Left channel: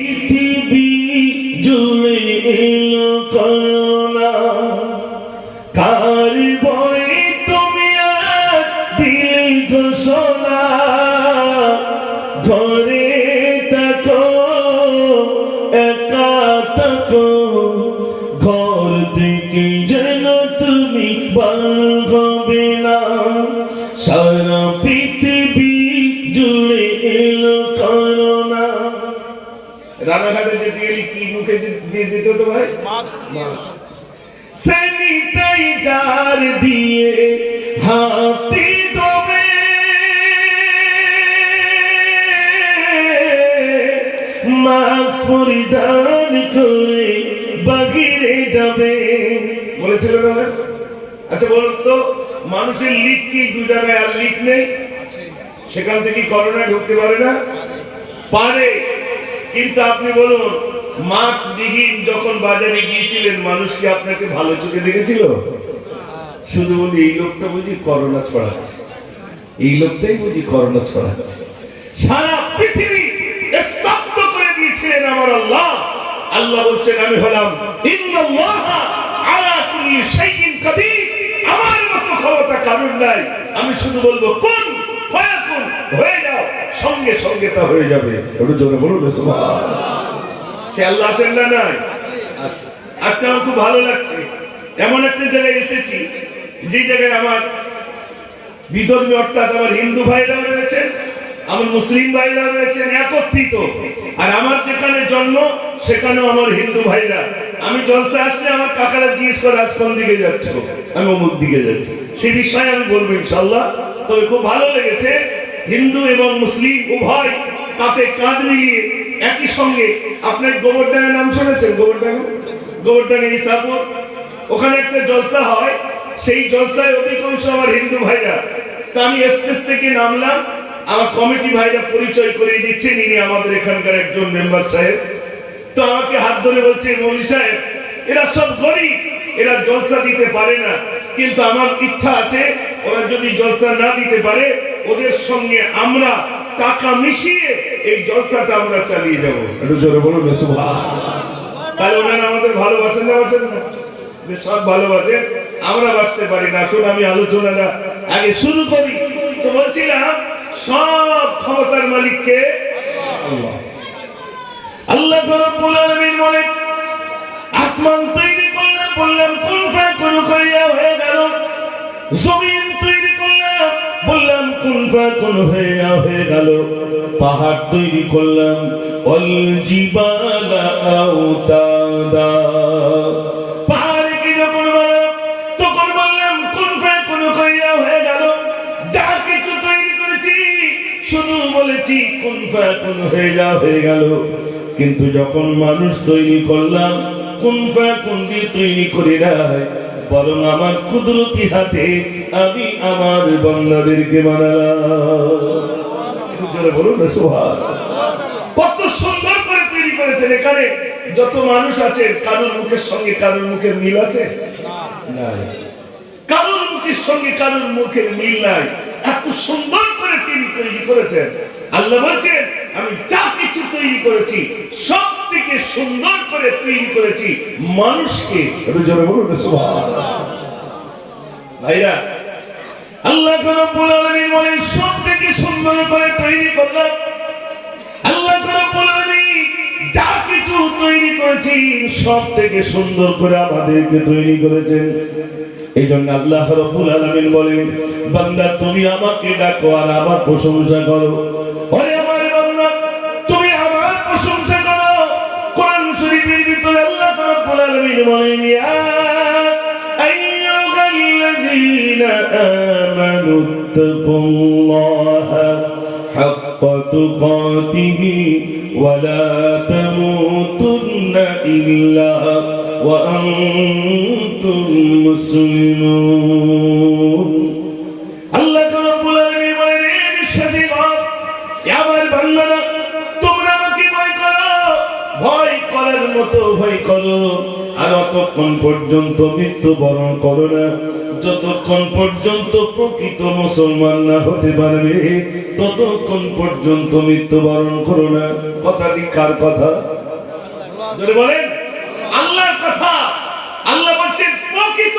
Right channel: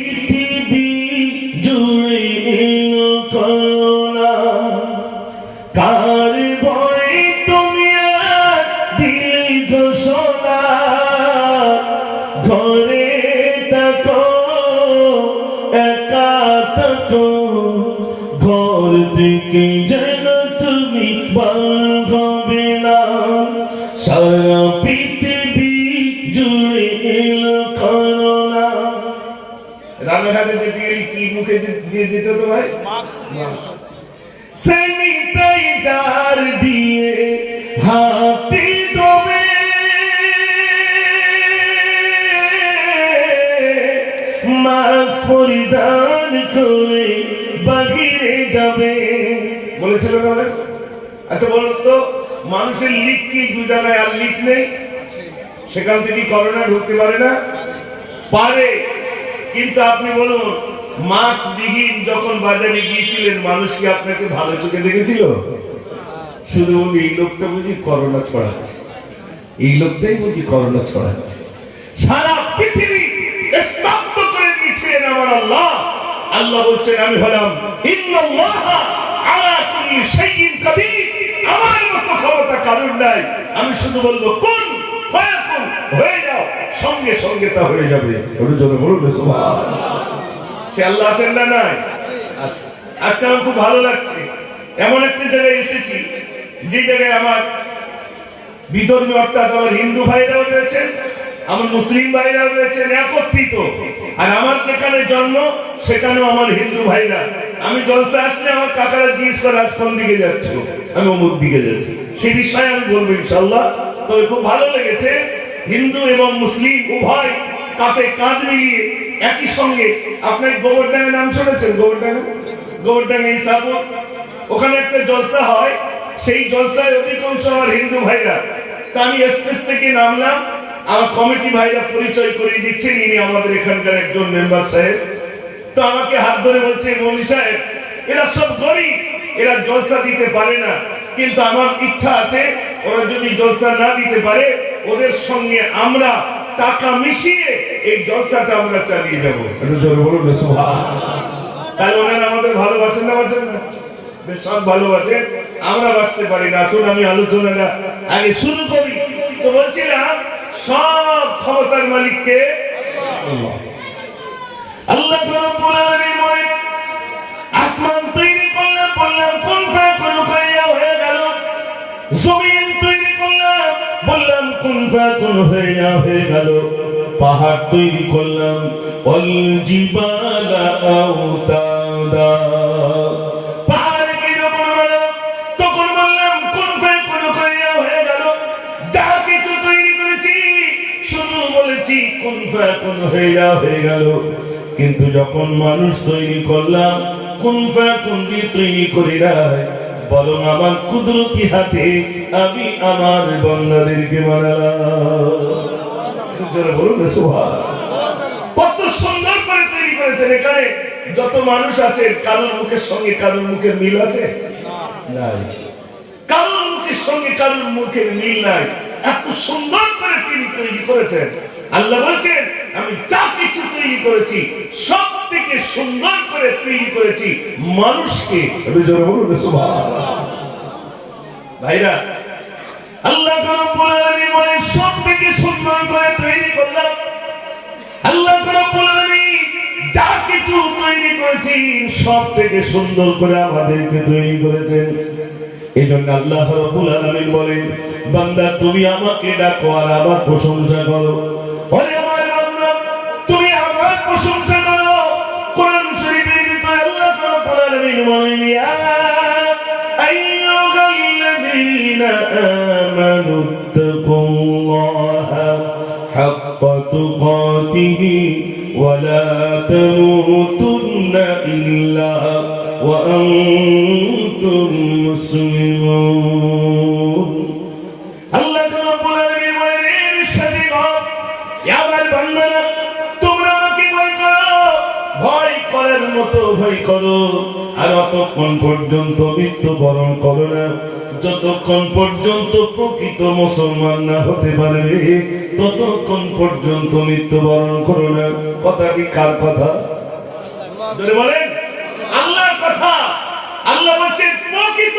পৃথিবী জুড়ে এলো করোনা, কার ভয়ে তুমি আর দিলে ঘোষণা, ঘরে থাকো একা থাকো, ঘর থেকে যেন তুমি বার হবে না, সারা পৃথিবী জুড়ে এলো করোনা। রান্নাঘাটে যেতে গেলে কি মুখে দিয়ে যেতে হতো ভাই? স্যানিটাইজার দিয়ে হাতে ধোবে, মাস্ক পরিধান করে বাহিরে যাবে বলেছিল না? আচ্ছা বলুন তো, মানুষের লিক কি দু জায়গায় আর লিক নেই? সেখান থেকে করোনা ঢুকতে পারে না? পারে। কিন্তু আপনি বলুন, মাস্ক বিহীন যখন বাজারে গিয়েছিলেন, মানুষ কি আপনাকে ভালো চোখে দেখেছিল? শুধু এই লোকটা বুঝি করোনা ছড়াচ্ছে, এই লোকটাই বুঝি করোনা ছড়াচ্ছে। সারা পৃথিবী স্তব্ধ করে দিয়েছিলেন আমার আল্লাহ। আল্লাহ বলছেন, আমি হলাম ইন্নাল্লাহা আলা কুল্লি শাইইন কাদির, আমার মতো ক্ষমতা কারণ নাই। আমি শুধু বলবো কুন ফায়াকুন, হয়ে যাও, সঙ্গে সঙ্গে তা হয়ে যাবে। একটু জোরে বলুন সুবহানাল্লাহ। সে আল্লাহ আছেন না নাই? আচ্ছা, আজকে আমার খুব ভালো লাগছে, এমন একটা জায়গায় এসেছি যে জায়গায় আমার বিধর্মী অর্থাৎ আমার হিন্দু ভাইরাও রয়েছেন, আমার মুসলিম ভাইরা রয়েছেন একত্রিত। আর আমার যেখানে জন্ম সেখানেও আমার হিন্দু ভাইরা। আমি জলসা আসলে আমার কাকারা জিজ্ঞেস করে আজ কোন দিকে যাচ্ছ, আমি অমুক দিকে যাচ্ছি। সে বিষয়ে আমি বলবো ইনশাআল্লাহ। তবে খুব ভালো লেগেছে, হিন্দু এবং মুসলিম উভয় কাঁধে কাঁধ মিলিয়ে একই সঙ্গে। আপনার গোবরডাঙ্গা নাম শুনেছেন? গোবরডাঙ্গা ইসাপুর, ওখানে একটা জলসা হয়। সেই জলসায় অধিকাংশ আমার হিন্দু ভাইরা। তো আমি স্টেজ থেকে নামলাম, আমার কমিটি ভাইরা পরিচয় করিয়ে দিচ্ছেন, ইনি আমাদের এখানকার একজন মেম্বার সাহেব। তো আমাকে হাত ধরে বলছে, মৌলী সাহেব, এরা সব গরিব, এরা জলসা দিতে পারে না, কিন্তু আমার ইচ্ছা আছে ওরা যদি জলসা না দিতে পারে ওদের সঙ্গে আমরা টাকা মিশিয়ে এই জলসাটা আমরা চালিয়ে যাবো। একটু জোরে বলুন সুবহানাল্লাহ। তাই ওনারা আমাদের ভালোবাসেন না? বাসেন না? সব ভালোবাসেন, আমরা বাঁচতে পারি না। আসুন আমি আলোচনাটা আগে শুরু করি। তো বলছিলাম, সব ক্ষমতার মালিককে আল্লাহ। আল্লাহ রাব্বুল আলামিন বলেন, আসমান তৈরি করলাম, বললাম কুন ফায়াকুন, হয়ে গেল। জমিন তৈরি করলাম, বললাম কুন ফায়াকুন, হয়ে গেল। পাহাড় তৈরি করলাম, ওয়াল জিবালা আওতাদা, পাহাড় কি যখন বললাম তখন বললাম কুন ফায়াকুন, হয়ে গেল। যা কিছু তৈরি করেছি শুধু বলেছি কুন ফায়াকুন, হয়ে গেল। কিন্তু যখন মানুষ তৈরি করলাম, কুন ফায়াকুন দিয়ে তৈরি করি নাই, বরং আমার কুদরতি হাতে আমি আমার বান্দাদেরকে বানালাম। বলুন সুবহানাল্লাহ। কত সুন্দর করে তৈরি করেছেন। এখানে যত মানুষ আছে, কারোর মুখের সঙ্গে কারোর মুখের মিল আছে? নাই। কারোর মুখের সঙ্গে কারোর মুখের মিল নাই। এত সুন্দর করে তিনি তৈরি করেছেন। আল্লাহ বলছেন, আমি যা কিছু তৈরি করেছি সব থেকে সুন্দর করে তৈরি করেছি মানুষকে। বলুন সুবহানাল্লাহ। ভাইরা, আল্লাহ রাব্বুল আলামিন বলেন, সব থেকে সুন্দর করে তৈরি করলাম। আল্লাহ রাব্বুল আলামিন যা কিছু তৈরি করেছেন সব থেকে সুন্দর করে আমাদেরকে তৈরি করেছেন। এই জন্য আল্লাহ রাব্বুল আলামিন বলেন, বান্দা তুমি আমাকে ডাকো আর আমার প্রশংসা করো। ওরে আমার বান্দা, তুমি আমার প্রশংসা করো। কোরআন শরীফের ভিতরে আল্লাহ রাব্বুল আলামিন বলেন, ইয়া আইয়ুহাল্লাযীনা আমানু তাকুল্লাহা হাক্কা তুকাতিহি ওয়া লা তামুতুন্না ইল্লা ওয়া আনতুম মুসলিমুন। আল্লাহ রাব্বুল আলামিন বলেন, বিশ্বাসীগণ, আমার বান্দারা, তোমরা আমাকে ভয় করো, ভয় করার মতো ভয় করো। আর ততক্ষণ পর্যন্ত মৃত্যুবরণ করো না, যতক্ষণ পর্যন্ত প্রকৃত মুসলমান না হতে পারবে ততক্ষণ পর্যন্ত মৃত্যুবরণ করো না। কথাটি কার কথা? জোরে বলেন আল্লাহর কথা। আল্লাহ বলছেন প্রকৃত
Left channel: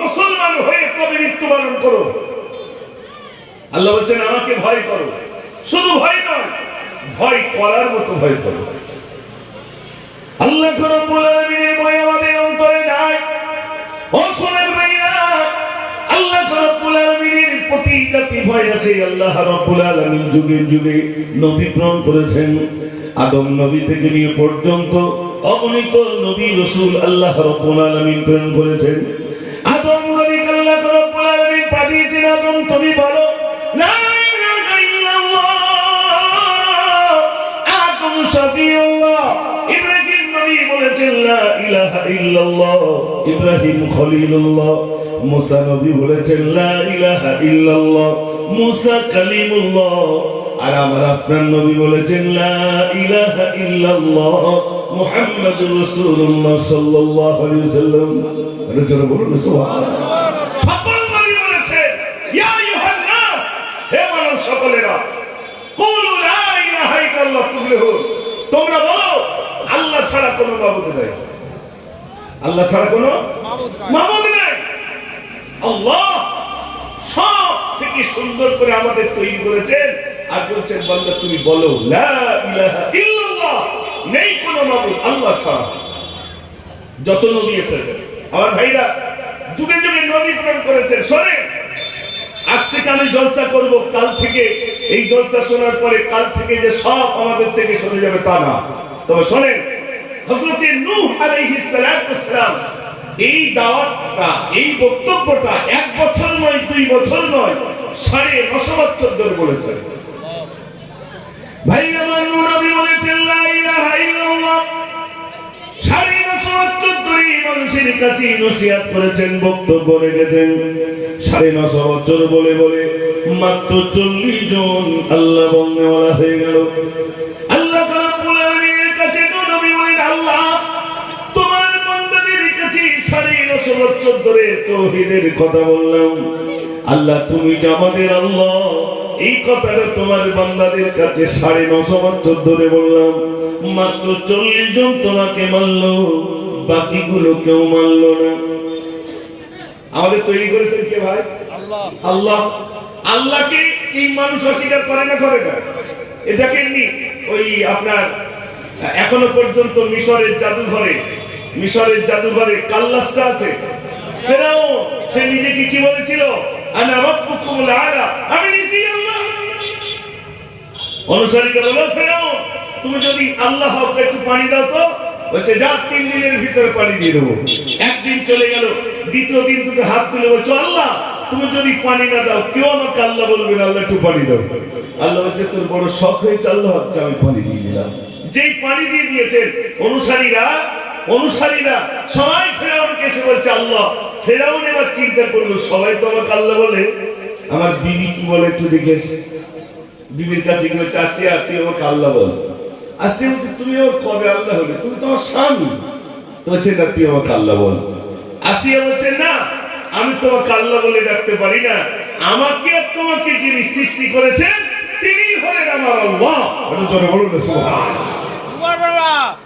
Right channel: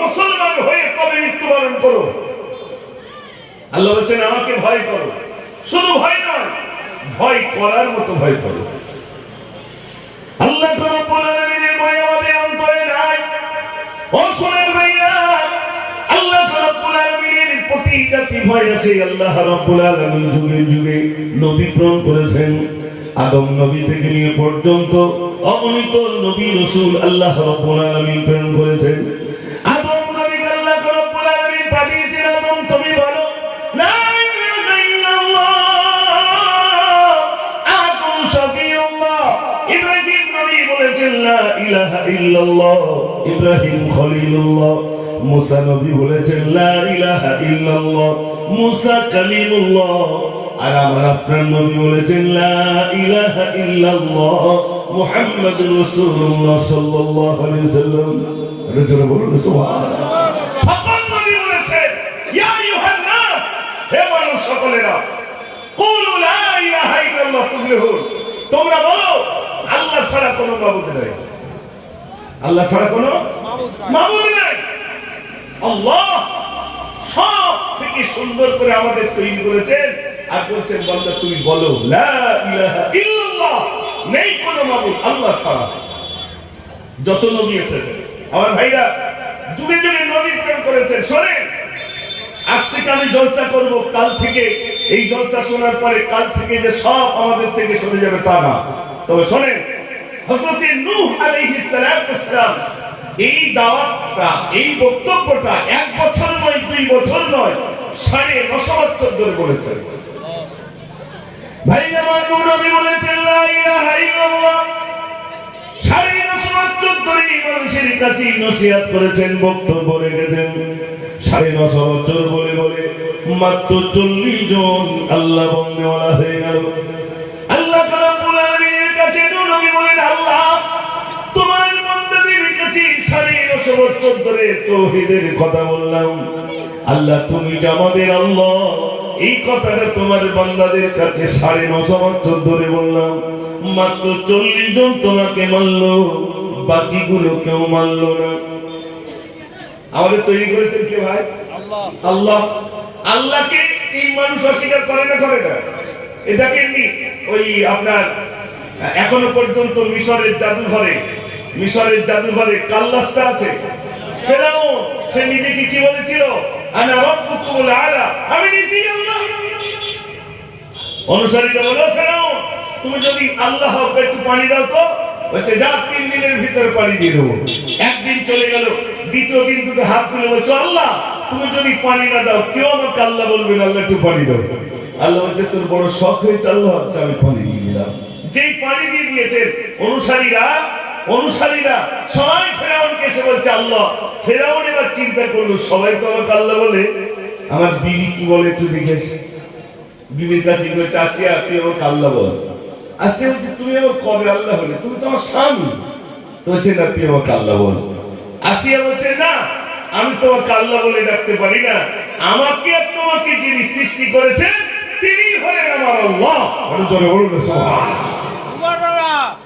মুসলমান হয়ে তবে মৃত্যুবরণ করো। আল্লাহ বলছেন আমাকে ভয় করো, শুধু ভয় নয়, ভয় করার মতো ভয় করো। আল্লাহ রাব্বুল আলামিনের ভয় আমাদের অন্তরে নাই। ও শোনেন ভাইরা, আল্লাহ রাব্বুল আলামিনের প্রতি জাতি ভয় আছে। আল্লাহ রাব্বুল আলামিন যুগে যুগে নবী প্রেরণ করেছেন। আদম নবী থেকে নিয়ে পর্যন্ত অগণিত নবী রাসূল আল্লাহ রাব্বুল আলামিন প্রেরণ করেছেন। আদম নবীকে আল্লাহ রাব্বুল আলামিন পাঠিয়েছেন, আদম তুমি বলো লা ইলাহা ইল্লাল্লাহ আদম শাফিউল্লাহ। ইব্রাহিম নবী বলেছেন লা ইলাহা ইল্লাল্লাহ, ইব্রাহিম খলিলুল্লাহ। মুসা নবী বলেছেন লা ইলাহা ইল্লাল্লাহ, মুসা কালিমুল্লাহ। আর আমার আপনার নবী বলেছেন লা ইলাহা ইল্লাল্লাহ, মুহাম্মাদুর রাসূলুল্লাহ সাল্লাল্লাহু আলাইহি ওয়াসাল্লাম। এটা জোরে বলুন সুবহানাল্লাহ। সকল নবী বলেছেন ইয়া আইয়ুহান নাস, হে মানব সকলেরা, কুলু লা ইলাহা ইল্লাল্লাহ তুফলিহুন, তোমরা বলো আল্লাহ ছাড়া কোনো মাবুদ নাই। আল্লাহ ছাড়া কোনো মাবুদ নাই। আল্লাহ সব থেকে সুন্দর করে আমাদের তৈরি করেছেন। আর বলছেন বান্দা তুমি বলো লা ইলাহা ইল্লাল্লাহ, নেই কোনো মাবুদ আল্লাহ ছাড়া। যত নবী এসেছেন আমার ভাইরা যুগে যুগে নবী প্রেরণ করেছেন। শোনেন, আজ থেকে আমি জলসা করব, কাল থেকে এই জলসা শোনার পরে কাল থেকে যে সব আমাদের থেকে চলে যাবে তা না। তবে শোনেন, হযরত নূহ আলাইহিস সালাম এই দাওয়াতটা, এই বক্তব্যটা 1 বছর নয়, 2 বছর নয়, 9.5 বছর ধরে বলেছেন। ভাই আমার নবী বলেছেন লা ইলাহা ইল্লাল্লাহ, 9.5 বছর ধরে মানুষের কাছে নসিহত করেছেন, বক্তব্য রেখেছেন। 9.5 বছর বলে বলে মাত্র 40 জন আল্লাহ বন্ধুওয়ালা হয়ে গেল। আল্লাহ রাব্বুল আলামিনের কাছে নবী বলেন আল্লাহ তোমার বান্দাদের কাছে 9.5 বছর ধরে তাওহীদের কথা বললাম। আল্লাহ তুমি যে আমাদের আল্লাহ, এই কথাটা তোমার বান্দাদের কাছে 9.5 বছর ধরে বললাম, মাত্র 40 জন তোমাকে মানলো, বাকিগুলো কেউ মানলো না। আমাদের তৈরি করেছেন কে ভাই? আল্লাহ। আল্লাহ। আল্লাহকে এই মানুষ অস্বীকার করে না, করে না? এ দেখেননি ওই আপনার এখনো পর্যন্ত মিশরের জাদুঘরে কাল্লাসটা আছে। ফেরাউন সে নিজেকে কি বলেছিল? আনা রাব্বুকুমুল আলা, আমি নিজেই আল্লাহ। অনুসারীরা বলল ফেরাউন তুমি যদি আল্লাহ হও একটু পানি দাও তো। বলছে যা 3 দিনের ভিতরে পানি দিয়ে দেবো। একদিন চলে গেল, দ্বিতীয় দিন দুটো হাত তুলে বলছো আল্লাহ তুমি যদি পানি না দাও কেউ আমাকে আল্লাহ বলবে না, আল্লাহ একটু পানি দাও। আল্লাহ বলছে তোর বড় শখ হয়েছে আল্লাহ, আমি পানি দিয়ে দিলাম। যেই পানি দিয়ে দিয়েছেন অনুসারীরা সবাই ফেরাউনকে এসে বলছে আল্লাহ। ফেরাউন এবার চিন্তা করলো সবাই তো আমাকে আল্লাহ বলে, আমার বিবি কি বলে একটু দেখেস। বিবির কাছে গেলে চাষিয়া তুই আমাকে আল্লাহ বল। আসছে বলছে তুমি আমার কবে আল্লাহ হলে? তুমি তো আমার স্বামী। বলছে না তুই আমাকে আল্লাহ বল। আসিয়া বলছে না আমি তোমাকে আল্লাহ বলে ডাকতে পারি না, আমাকে তোমাকে যিনি সৃষ্টি করেছেন তিনি হলেন আমার আল্লাহ। বলুন সুবহানাল্লাহ।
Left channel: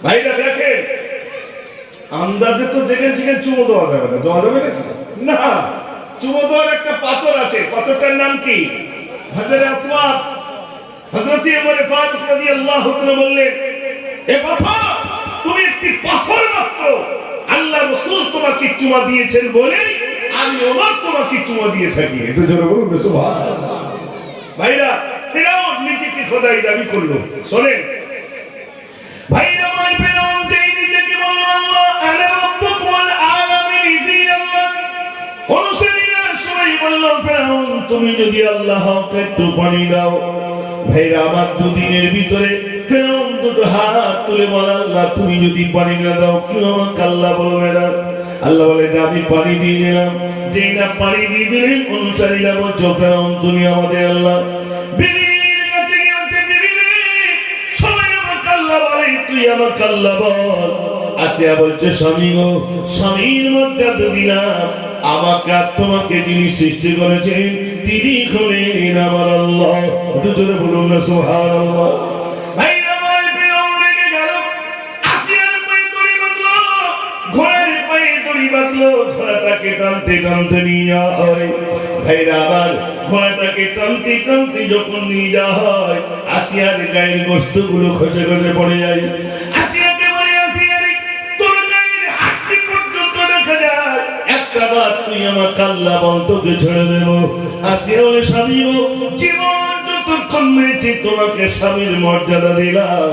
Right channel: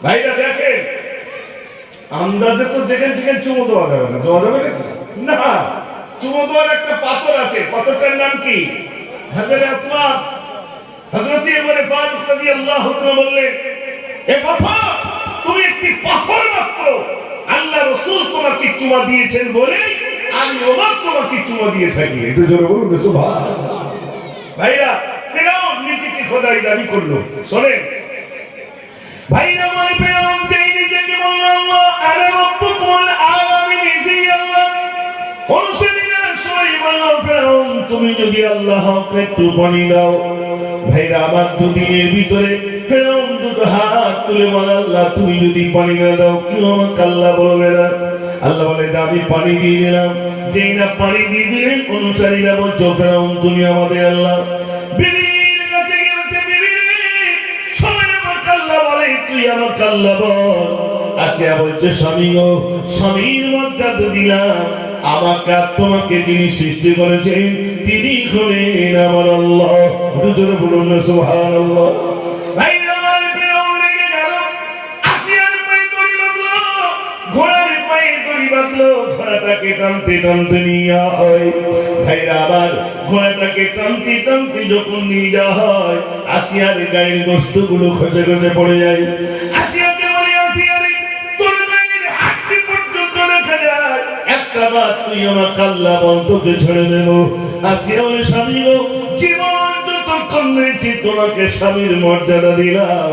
ভাইরা দেখেন, আন্দাজে তো যেখানে চুমো দেওয়া যাবে না। দেওয়া যাবে না? চুমো দেওয়ার একটা পাথর আছে, পাথরটার নাম কি? হাজরে আসওয়াদ। হযরত ওমর ফারুক রাদিয়াল্লাহু তাআলা বললেন এ পাথর, তুমি একটি পাথর মাত্র, আল্লাহ রাসূল তোমাকে চুমা দিয়েছেন বলে আমি ওমর তোমাকে চুমা দিয়ে থাকি। একটু জোরে বলুন সুবহানাল্লাহ। ভাইরা ফেরাউন নিজেকে খোদাই দাবি করলো। শোনেন ভাইরা, মই ফেরাউন যে নিজেকে বলল আল্লাহ আনা রাব্বুকুল আলামিন, নিজেই আল্লাহ। অনুসারীরা সবাই বলল ফেরাউন তুমি যদি আল্লাহ হও একটু পানি দাও। ভাইরা আমার 2 দিনের ভিতরে ফেরাউন দুটো হাত তুলে বলে আল্লাহ তুমি যদি পানি না দাও কেউ আমাকে আল্লাহ বলবে না। আল্লাহ বলে আমি পানি দিয়ে দিলাম। যেই না পানি দিয়ে দিলেন অনুসারীরা বলছো ফেরাউন তুমি আমাদের আল্লাহ। বিবির কাছে গেছে, বিবি সবাই আমাকে আল্লাহ বলে, তুই আমাকে আল্লাহ বল। আসিয়া বলছে স্বামী গো, স্বামীর মর্যাদা দিলাম, আমাকে তোমাকে যিনি সৃষ্টি করেছেন তিনি হলেন আমার আল্লাহ। জোরে বলুন সুবহানাল্লাহ। ভাইরা আমার ফেরাউন রেগে গেল, আসিয়ার পায়ে দড়ি বাঁধলো, ঘোড়াটাকে টানতে টানতে নিয়ে হয়। ভাইরা আমার, ঘোড়াটাকে টানতে টানতে যখন নিয়ে যাওয়া হয়, আসিয়ার গায়ের গোশতগুলো খসে খসে পড়ে যায়। আসিয়াকে বলে, আসিয়া রে, তোর গায়ের হাড়টি পর্যন্ত দেখা যায়, একটা বার তুই আমার কাল্লা বন্ধকে ছেড়ে দেব। আসিয়া বলে, স্বামী গো, জীবন যতক্ষণ রয়েছে তোমাকে স্বামীর মর্যাদা দিলাম।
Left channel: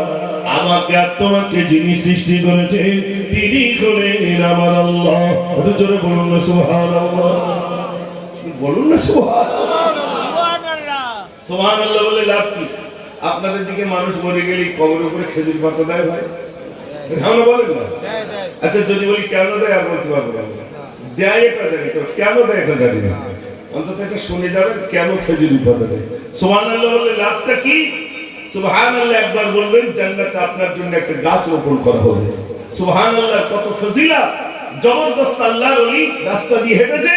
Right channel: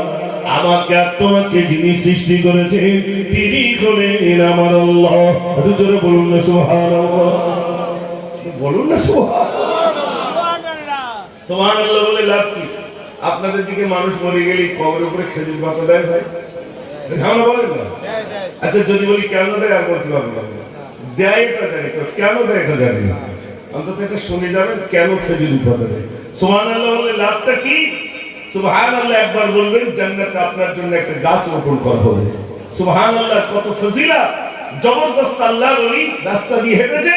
আমাকে আর তোমাকে যিনি সৃষ্টি করেছে তিনি হলেন আমার আল্লাহ। একটু জোরে বলুন না সুবহানাল্লাহ, বলুন না সুবহানাল্লাহ। বলে লাভ কি? আপনাদের দিকে মানুষ মরে গেলে কবরের উপরে খেজুর পাতা দেয় ভাই, ঝামেলা বলেন না? আচ্ছা যদি বলি কেন দেয় আর বলতে পারবো না। দেয় এটা জানি, তো কেন দেয় এটা জানি না। অন্তত এটা শুনে যাবেন কেন খেজুর পাতা দেয়। সুবহানাল্লাহ বলে লাভটা কি? সুবহানাল্লাহ একবার বলবেন, জান্নাতে আপনার জন্য একটা গাছ রোপণ করা হবে। সুবহানাল্লাহ, কত ফজিলত! জবরদস্ত আল্লাহর ওলি রাস্তা দিয়ে হেঁটেছে,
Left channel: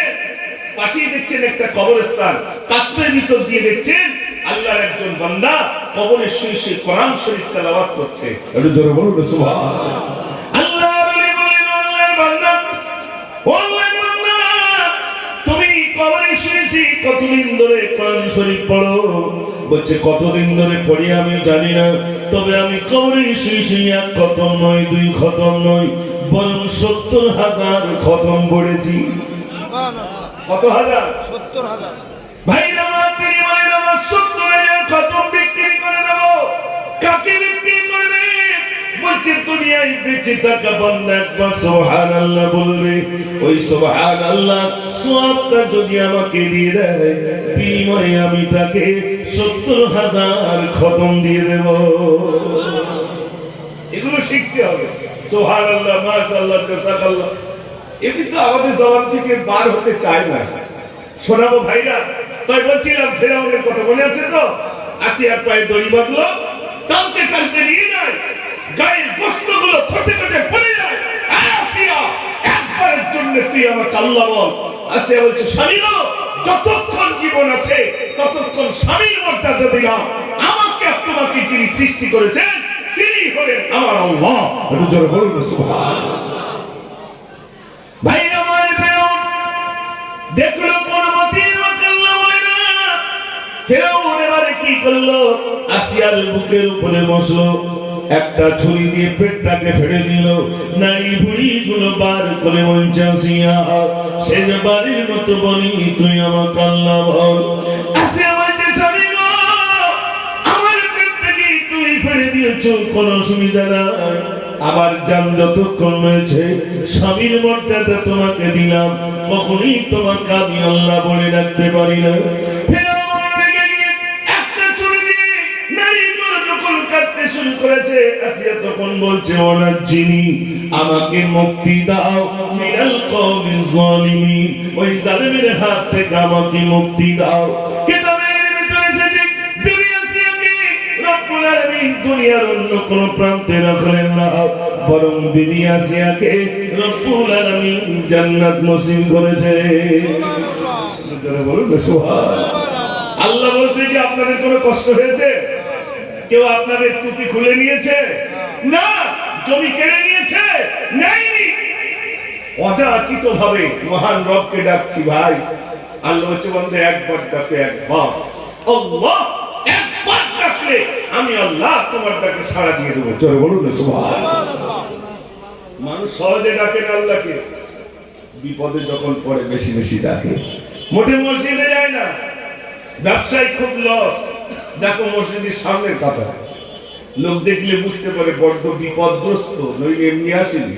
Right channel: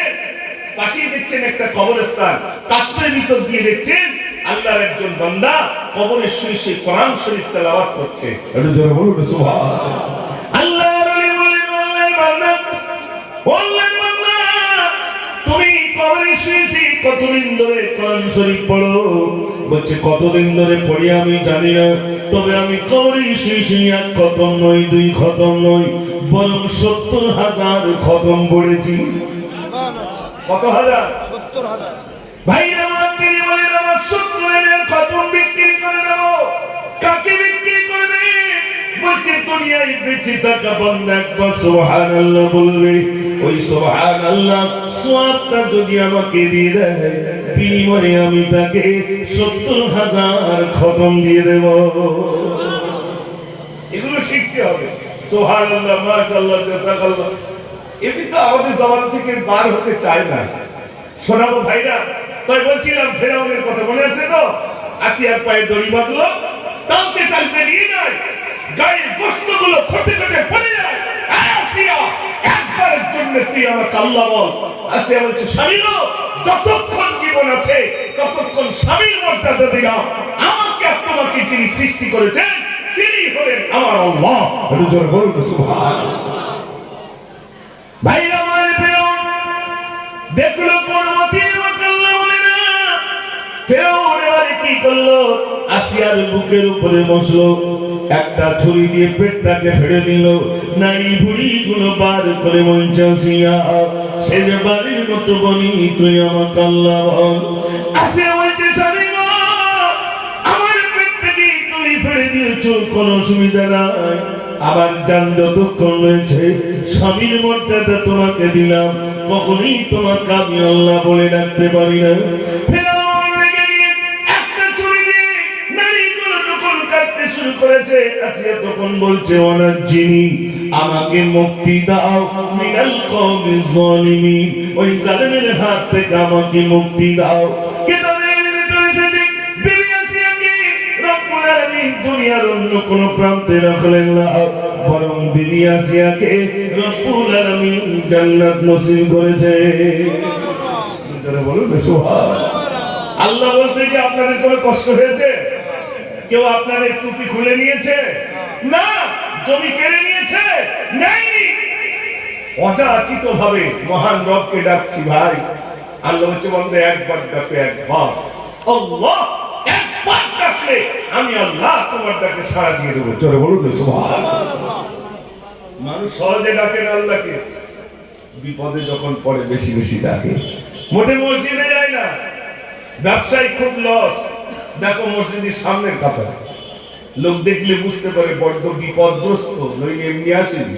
পাশেই দেখছেন একটা কবরস্থান, কাশ্মীরের ভিতর দিয়ে দেখছেন আল্লাহর একজন বান্দা কবরের শুয়ে শুয়ে কোরআন শরীফ তেলাওয়াত করছে। একটু জোরে বলুন সুবহানাল্লাহ। আল্লাহর ওলি বলেন, আল্লাহর বান্দা, আল্লাহর বান্দা, তুমি কবরে শুয়ে শুয়ে কতদিন ধরে কোরআন শরীফ পড়ো? বলছে কতদিন ধরে পড়ি আমি জানি না, তবে আমি কবরে শুয়ে শুয়ে এক খতম নয়, দুই খতম নয়, বরং ৭০,০০০ খতম পড়েছি। কত হাজার? ৭০,০০০। ভাই আমার তিনি বলেন, আমার ৭০,০০০ খতম বিক্রি করে দেব। কাকে বিক্রি করবে? বলছে দুনিয়ায় বেঁচে থাকা বান্দা একবার সুবহানাল্লাহ বলবে, ওই সুবহানাল্লাহ সওয়াবটা যদি আমাকে দিয়ে দেয়, বিনিময়ে আমি তাকে ৭০,০০০ খতম দিয়ে দেব। এগুলো শিখতে হবে। সুবহানাল্লাহ, মাশাআল্লাহ, জাযাকাল্লাহ। এমনি তো আমাদের জবান থেকে বার হতে চায় না। শোনাবো ভাইরা, তাই বলছিলাম ফেরাউনের কথা মনে আছে তো? আসিয়ার পায়ে দড়ি বাঁধলো, টানতে টানতে নিয়ে যায়, গায়ের গোশতগুলো খসে খসে পড়ে যায়। আসিয়া, একবারের জন্য তুই আমাকে আল্লাহ বল। আসিয়া বলছে, স্বামী গো, যতক্ষণ জীবন আছে ততক্ষণ স্বামীর মর্যাদা দিলাম। আমাকে আর তোমাকে যিনি সৃষ্টি করেছেন তিনি হলেন আমার আল্লাহ। একটু জোরে বলুন সুবহানাল্লাহ। ভাইরা আমার, ফেরাউন দেখলো পরবর্তী আল্লাহ বলে না, ফেরাউন এবারে কি করলো? আসিয়ার বুকের উপরে বসলো, একটা ছুরি দিয়ে পেটটাকে ফেড়ে দিল, নারী বুড়ি গুলো বার করে মঞ্চে আসিয়া, সে যে বাড়ির মতো বনি তুই আমাকে আল্লাহ বল। আসিয়া বলছে, স্বামী গো, আমার পেট থেকে তুই ফেড়ে দিয়েছো, কোনো অসুবিধা নাই। আমার জান যতক্ষণ রয়েছে স্বামীর মর্যাদা তোমাকে দিলাম, কখনই তোমাকে আমি আল্লাহ বলে রাখতে পারি না। ফেরাউন রেগে গিয়ে একটা ছুরি দিয়ে নারীগুলো যখন কাটতে শুরু করেছে, আসিয়া তখন বলছে, ওয়ানাজ্জিনি, আমাকে মুক্তি দাও, মিনাল কওমিজ যালিমিন, ওই জালিমের হাত থেকে আমাকে মুক্তি দাও। কিতাবের ভিতরে এসেছে, বিবি আসিয়াকে রব্বুল আলামিন দুনিয়ার অন্য কোন প্রান্তে রাখলেন না, বরং বিবি আসিয়াকে রব্বুল আলামিন জান্নাত নসিব করেছে। যারা বলুন সুবহানাল্লাহ। আল্লাহ বলতে যে আপনাদের কোনো কষ্ট হয়েছে? কেউ আপনাদের টুপি খুলে নিয়েছে? না। জমি কেড়ে নিয়েছে? নাই। অযাচিত ভাবে মহান রবকে ডাকছি ভাই। আল্লাহ হচ্ছে বলতে একবার ডাকে, একবার আল্লাহ, একবার ডাকলে আমি আল্লাহ তোমার ডাকে সাড়া দিয়ে দেবো। জোরে বলুন সুবহানাল্লাহ। মানুষ সহজে ডাকে না আল্লাহকে, বিপদে যখন পড়ে বেশি বেশি ডাকে। মোটে মসজিদে যায় না, ব্যবসায় খুব লস। দেখো মসজিদের সামনের কথা, লোক দেখলে বুঝতে পারে বড্ড বিপদগ্রস্ত, নইলে এমনি আসেনি।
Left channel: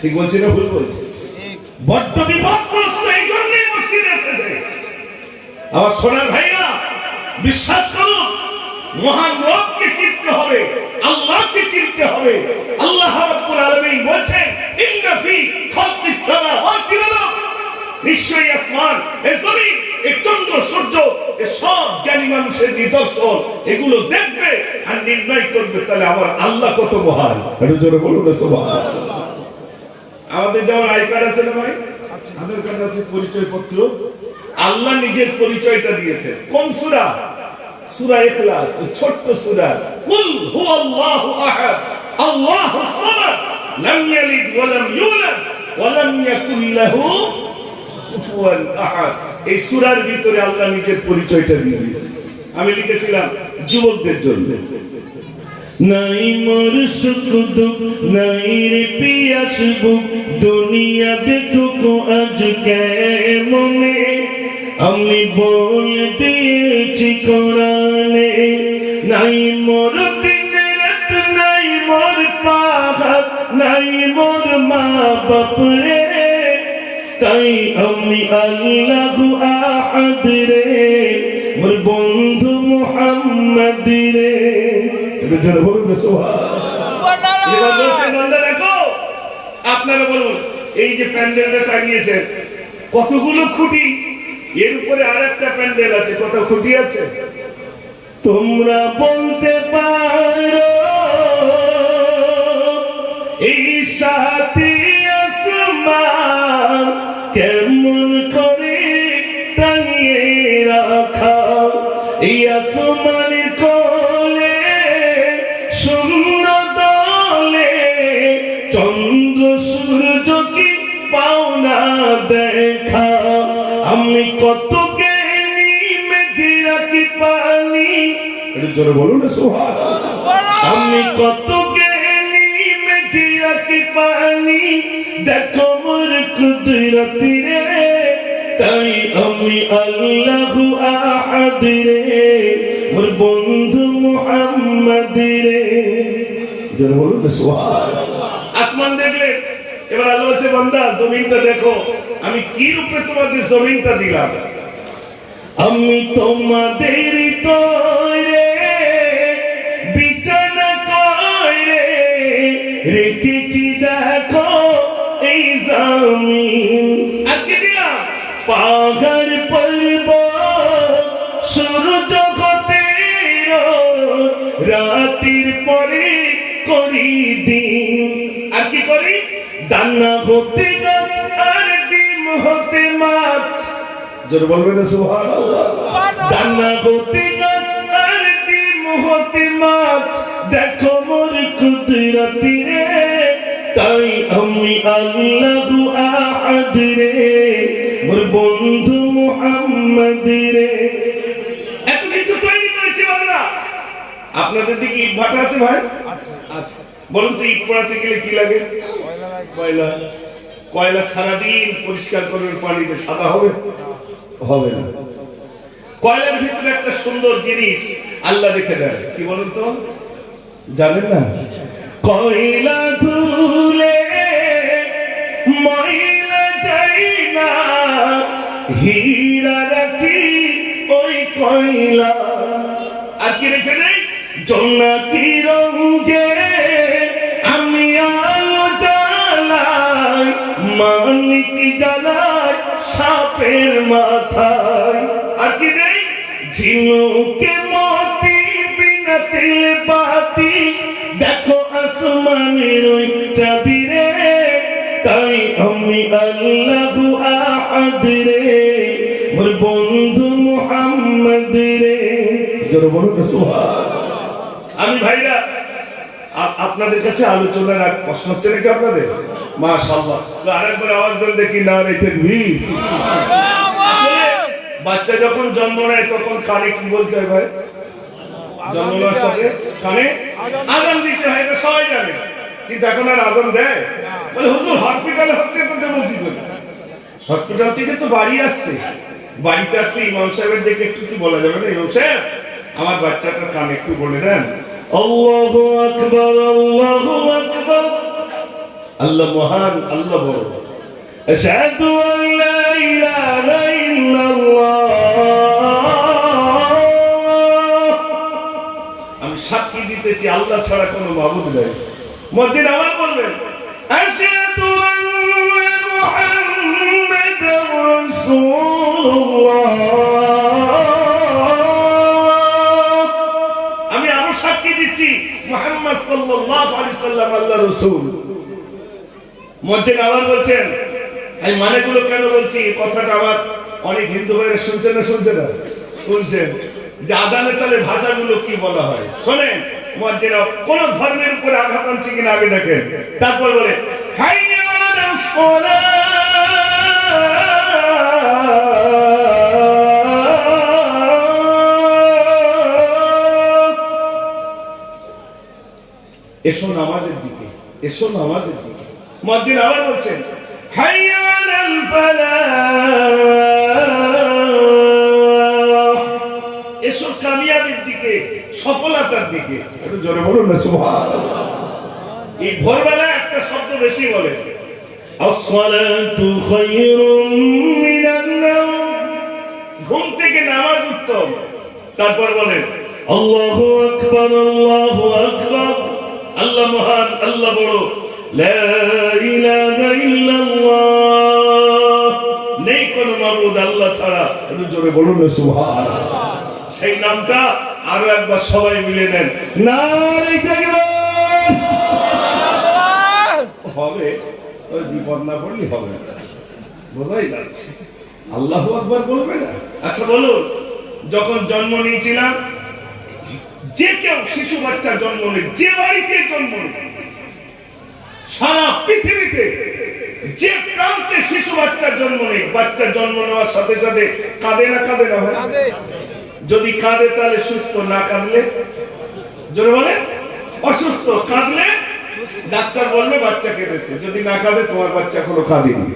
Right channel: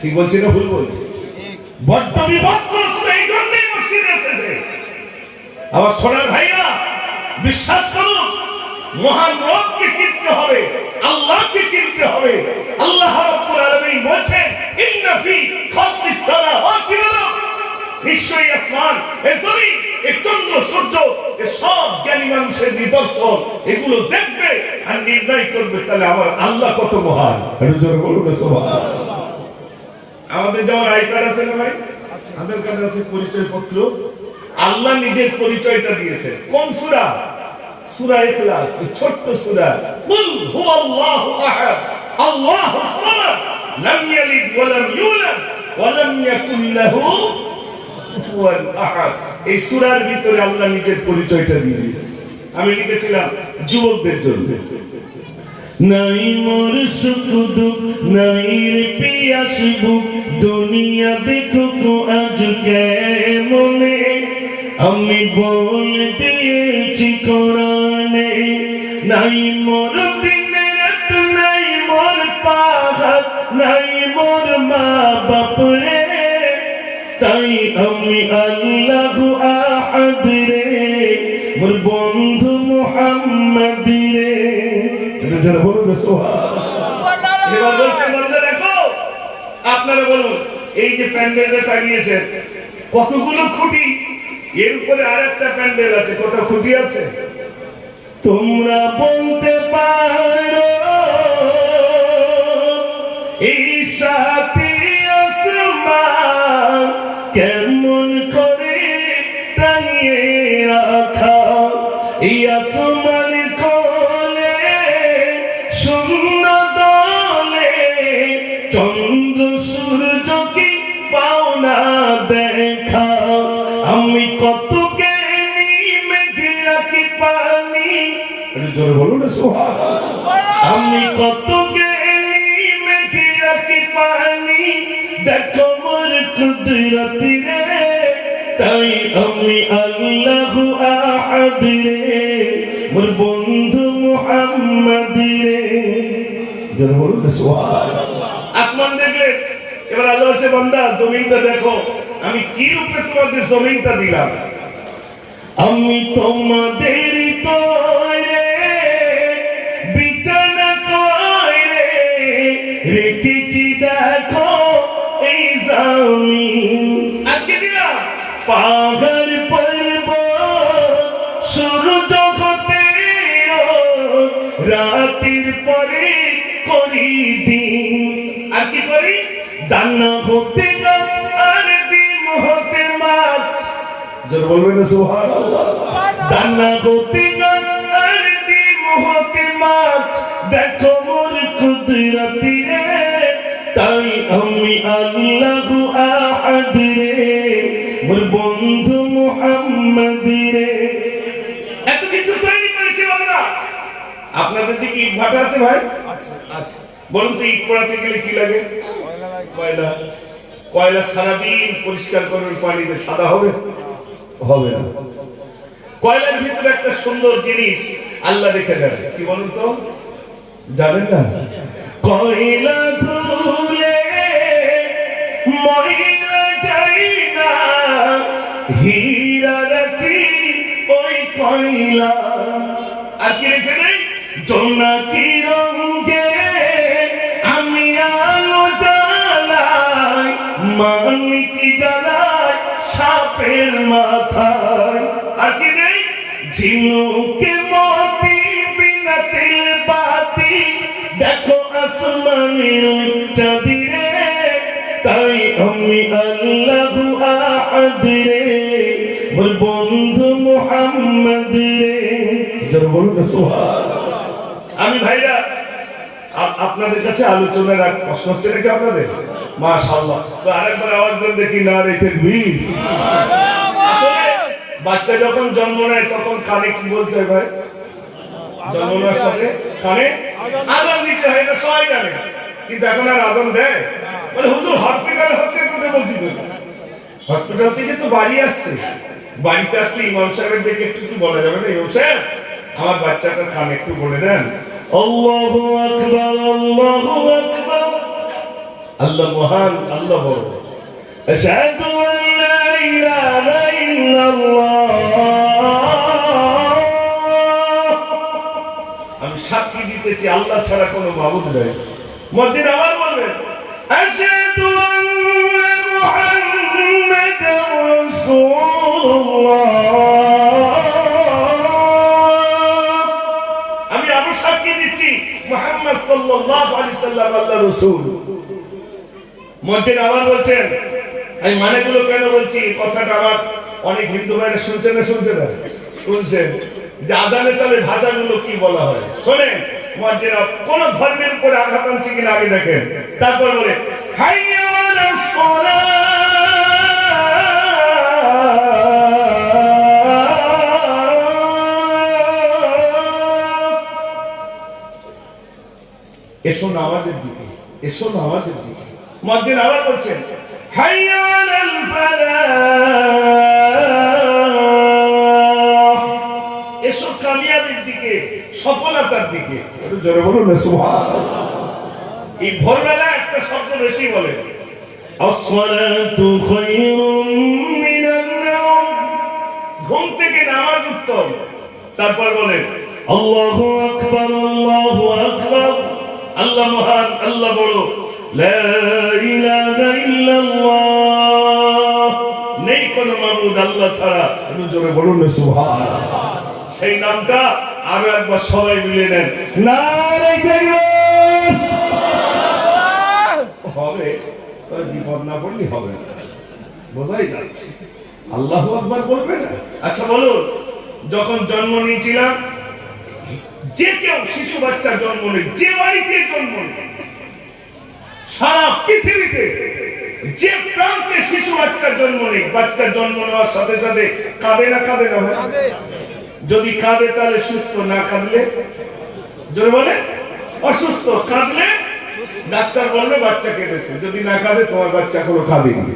ঠিক বলছি না ভুল বলছি? বড্ড বিপদগ্রস্ত, এই জন্যই মসজিদে এসেছে। আমার সোনার ভাইরা, বিশ্বাস করুন, মহান রবকে চিনতে হবে, আল্লাহকে চিনতে হবে। আল্লাহ রাব্বুল আলামিন বলেন, ইন্না ফি খালকিস সামাওয়াতি ওয়াল আরদ, নিশ্চয়ই আসমান, এই জমিন, এই চন্দ্র সূর্য, এই সব জ্ঞানী মানুষের নিদর্শন, এগুলো দেখবে আর নির্ণয় করবে তাহলে আমার আল্লাহ কত মহান। একটু জোরে বলুন সুবহানাল্লাহ। আমাদের যেমন আই কার্ড আছে না ভাই, আধার কার্ড আছে, পরিচয় পত্র, আল্লাহ নিজের পরিচয়টা দিয়েছে। কোন সূরা? সূরা ইখলাস, ছোট্ট সূরা। কুল হুয়াল্লাহু আহাদ, আল্লাহুস সামাদ, লাম ইয়ালিদ ওয়া লাম ইউলাদ ওয়ালাম ইয়াকুল লাহু কুফুয়ান আহাদ। এই সূরার ভিতরে আল্লাহ নিজের পরিচয়টা দিয়ে দিয়েছে। আমি লিখেছিলাম যুবকদের জন্য, নাই মোর সুখ দুঃখ নাই রে পিয়াস বুক, দুনিয়া দেখুক আজ কেমনে, আমি বল দিয়েছি কোরআনে, নাই মোর দিন রাত নাই মোর পাহাড় নাই মোর মা বাপ রে, তাই আমি আল্লাহু আহাদ রে, মোর বন্ধু মুহাম্মদ রে। এবার বলবে সুবহানাল্লাহ। এবার বলছে বান্দা দেখো, আপনারা বলুন এই যে প্যান্ডেলটা টাঙিয়েছেন কতগুলো খুঁটি, এর উপরে আরেকটা প্যান্ডেল আছে, কত খুঁটি আছে তোমরা বলতে পারো? এই সাথে আসমান কেমন করে টাঙিয়ে রাখা, এই আসমানের কোলে শূন্য দলে, চন্দ্র সূর্য কি পাও না দেখা, আমি কত জ্ঞানী মেঘলা কি পানি, বলুন না সুবহানাল্লাহ। আমি কত জ্ঞানী মেঘলা কি পানি, দেখো মোর কুদরত রে, তাই আমি আল্লাহু আহাদ রে, মোর বন্ধু মুহাম্মদ রে। যারা বলুন না সুবহানাল্লাহ। আসমান দেখলে এবার আল্লাহ বলছে বান্দা জমিনটা দেখো, আমি কি রূপে তোমাদের জমিনটা দিলাম, আমি তোমাদের তৈরে বিছানা করে রেখেছি দেখো এই জমিন, আজকে দিলাম পাহাড় পর্বত সূর্য হতে রাতের পরে করি দিন, আর কি করি দানা হতে গাছ আর ডিম হতে মাছ, যারা বলবেন না সুবহানাল্লাহ। দানা হতে গাছ আর ডিম হতে মাছ, দেখো মোর কুদরত রে, তাই আমি আল্লাহু আহাদ রে, মোর বন্ধু মুহাম্মদ রে। এত কিছু তৈরি করেছি বাংলা। আপনাদের দিকে ইট ভাটা আছে ভাই? আছে। বলুন তো ইট পোড়াতে গেলে কি লাগে? কয়লা। কয়লা সারাদিন পরিষ্কার করবেন পানিতে, সাদা হবে? হবে না। কয়লার ভিতরে একটা সুন্দর জিনিস আল্লাহ রেখে দেন, কি বলুন তো? জানেন না? কয়লা ধুলে ময়লা যায় না, হীরা রাখি ওই কয়লা, আর কি রেখে দেয় জোনাকি রঙে, আমি আলো জ্বালাই মানিক জ্বালাই সাপের মাথায়, আর কি দেয় ঝিনুকে মতি বিনা তেল বাতি, দেখো আসমানের ওই চাঁদি রে, তাই আমি আল্লাহু আহাদ রে, মোর বন্ধু মুহাম্মদ রে। যারা বলুন না সুবহানাল্লাহ। আমি ভাইরা আপনাদের কাছে আলোচনার এক প্রশ্ন হচ্ছে নাকি আপনাদের? মাশাআল্লাহ। তো আরেকবার আওয়াজ দেন দেখি, না রে তাকবীর। আসলে বাচ্চা যখন জন্ম নেয় তখন কানে কি বলতে হয় ভাই? জন্মের সাথে কানে আযান দিতে হয়, এটা সবাই জানে, কিন্তু এখন আর আযান দেয়? বলে হুজুর হসপিটালে হচ্ছে তো দেব কি করে? হসপিটাল থেকে তো বাড়ি আসছে, বাড়িতে আসলে ইমাম সাহেবের দিকে একটু কি বলা যাবে না, ইমাম সাহেব আমার বাচ্চাটার কানে একটু বলে দেন আল্লাহু আকবার, আল্লাহু আকবার, আল্লাহ মহান, আল্লাহ বড়, আশহাদু আন লা ইলাহা ইল্লাল্লাহ, আমি সাক্ষী দিতেছি আল্লাহ ছাড়া কোনো মাবুদ নেই। মসজিদ আবার বলবেন আশহাদু আন্না মুহাম্মাদার রাসূলুল্লাহ, আমি সাক্ষী দিচ্ছি মুহাম্মদ সাল্লাল্লাহু আলাইহি সাল্লাম আল্লাহর রাসূল। মসজিদ আবার বলছেন, এই মানেগুলো কেন বলছি, কথাটা আবার অনেক হিন্দু ভাইরা শুনছেন না, শুনছেন না, শুনছেন যে আযানে তাহলে ভাষাগুলো কি বলা হয়। শোনেন মসজিদ কোন ধর্মের উপরে আঘাত আনছে কিনা আগে দেখেন, তারপর বলে হাইয়া আলাস এসো নামাজের দিকে, এসো নামাজের দিকে। মুয়াজ্জিন আবার বলছেন হাইয়া আলাল ফালাহ, এসো কামিয়াবির দিকে, সফলতার দিকে। একটু জোরে বলুন না সুবহানাল্লাহ। এই ভোরবেলা একটা শব্দ বেশি বলে, আসসালাতু খায়রুম মিনান নাওম, ঘুম থেকে নামাজ উত্তম। তারপর বলেন আল্লাহু আকবার, আল্লাহু আকবার, আল্লাহ মহান, আল্লাহ বড়, লা ইলাহা ইল্লাল্লাহ, নেই কোন মাবুদ আল্লাহ ছাড়া। একটু জোরে বলুন না সুবহানাল্লাহ। সেই নামটা আরো একবার সবাই মিলে নেন, নারে তাকবীর। হবে তবে বিপদ না পড়লেই হবে না, বোঝাই যাচ্ছে। আল্লাহু আকবার বলবে না? আচ্ছা বলুন, যখন জন্ম নিয়েছিলাম, যে কেউ শিশু বাচ্চা জন্ম নেয়, যে বাড়িতে জন্ম নেয়, সারা পৃথিবীতে যে প্রান্তে শিশু বাচ্চা জন্ম নেয়, বাচ্চা জন্ম নেওয়ার সাথে সাথে কাঁদে না, কাঁদে না ভাই? যদি কাঁদে তাহলে সুস্থ, না কাঁদলে জোরে বলে অসুস্থ। কাঁদলে ডাক্তার বলবে বাচ্চা কেঁদেছে, যদি না কাঁদে তোমার বাচ্চা কোনো কাঁদেনি।